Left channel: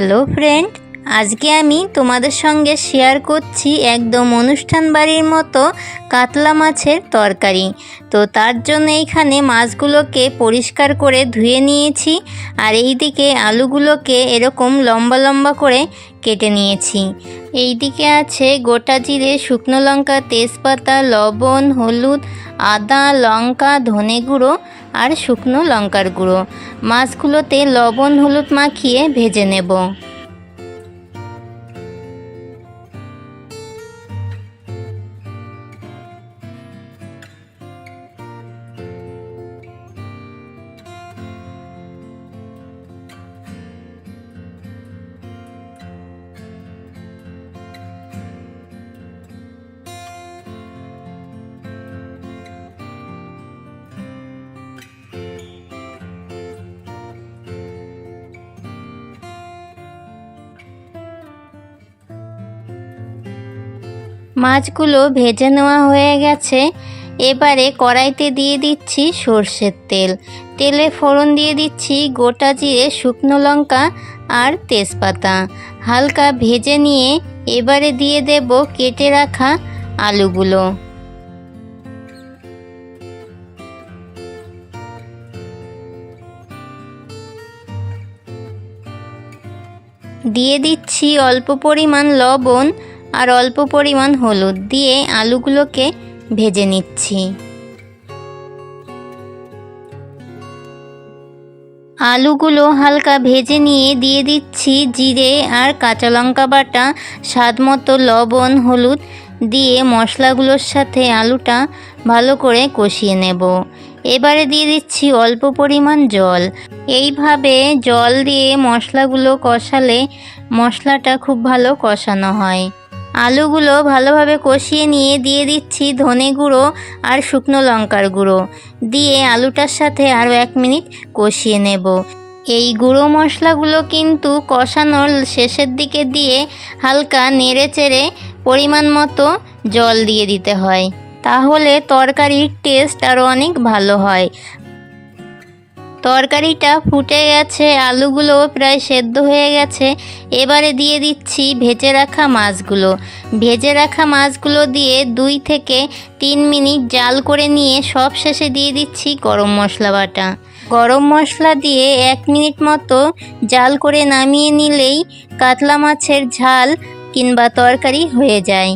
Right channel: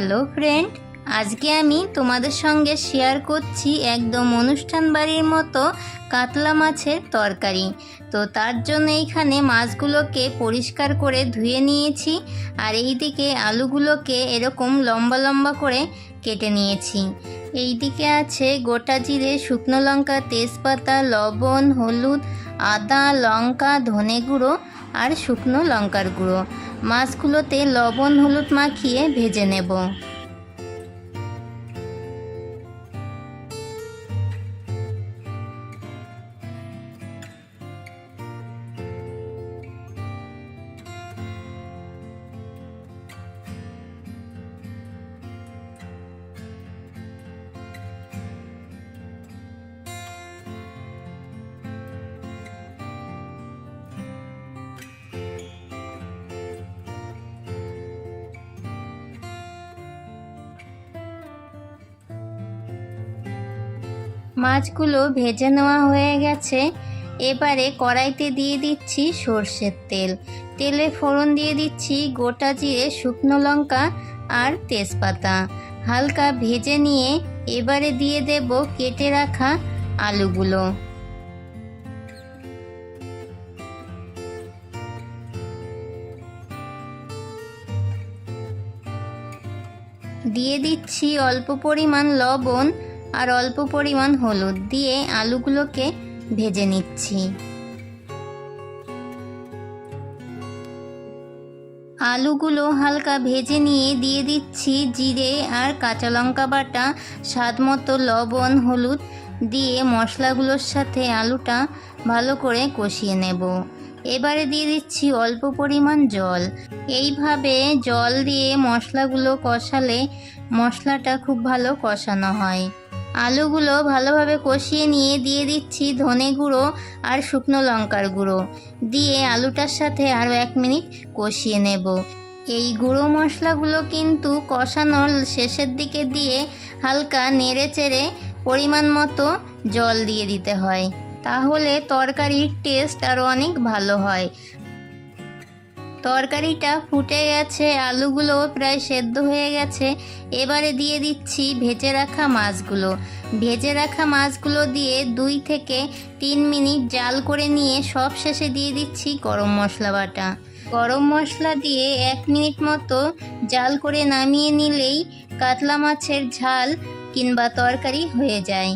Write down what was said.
Hello friend, আজকে আমি তোমাদের সঙ্গে শেয়ার করছি একদম অনুষ্ঠান বাড়ির মতো কাতলা মাছের তরকারি। তো তার জন্য এইখানে মাছগুলোকে পরিষ্কার করে ধুয়ে নিয়েছি, আর এইদিকে আলুগুলোকে এরকম লম্বা লম্বা করে কেটে নিয়েছি। এইদিকে আছে গোটা জিরে, শুকনো লঙ্কা, তেজপাতা, লবণ, হলুদ, আদা, লঙ্কা, ধনে গুঁড়ো আর শুকনো লঙ্কার গুঁড়ো। মাছগুলোতে লবণ হলুদ মাখিয়ে ভেজে নেব। মাছগুলো ভেজে নেওয়া হয়ে গেছে। এবারে কড়াইতে দিয়ে দিচ্ছি সর্ষের তেল। তেলে ফোড়ন দিয়ে দিচ্ছি গোটা জিরে, শুকনো লঙ্কা আর তেজপাতা। হালকা ভেজে নিয়ে এবারে দিয়ে দেব কেটে রাখা আলুগুলো। দিয়ে দিচ্ছি অল্প পরিমাণ লবণ আর অল্প পরিমাণ হলুদ দিয়ে আলুগুলোকে ভেজে নিচ্ছি। আলুগুলো হালকা ভেজে নিয়ে দিয়ে দিচ্ছি জিরে আর কাঁচা লঙ্কা বাটা, স্বাদ মতো লবণ, হলুদ দিয়ে মশলাগুলোর সাথে আলুটা ভালো করে কষিয়ে নেব। এবারে দিয়ে দিচ্ছি অল্প পরিমাণ জল। এইভাবে জল দিয়ে মশলাগুলো কষালে মশলাটা খুব ভালো কষানো হয়। আলুগুলো ভালোভাবে কষিয়ে নিয়ে দিয়ে দিচ্ছি ধনে গুঁড়ো আর শুকনো লঙ্কার গুঁড়ো দিয়ে আলুটার সাথে আরও 1 মিনিট কষিয়ে নেব। এই গুঁড়ো মশলাগুলো কিন্তু কষানোর শেষের দিকে দিয়ে হালকা নেড়ে চেড়ে পরিমাণ মতো জল দিয়ে দিতে হয়, তাহলে তরকারির টেস্ট আরও অনেক ভালো হয়। তরকারিটা ফুটে গেছে, আলুগুলো প্রায় সেদ্ধ হয়ে গেছে। এবারে দিয়ে দিচ্ছি ভেজে রাখা মাছগুলো। ভেজে রাখা মাছগুলো দিয়ে 2 থেকে 3 মিনিট জাল করে নিয়ে সব শেষে দিয়ে দিচ্ছি গরম মশলা বাটা। গরম মশলা দিয়ে 1 মিনিট মতো জাল করে নামিয়ে নিলেই কাতলা মাছের ঝাল কিংবা তরকারি হয়ে যায়।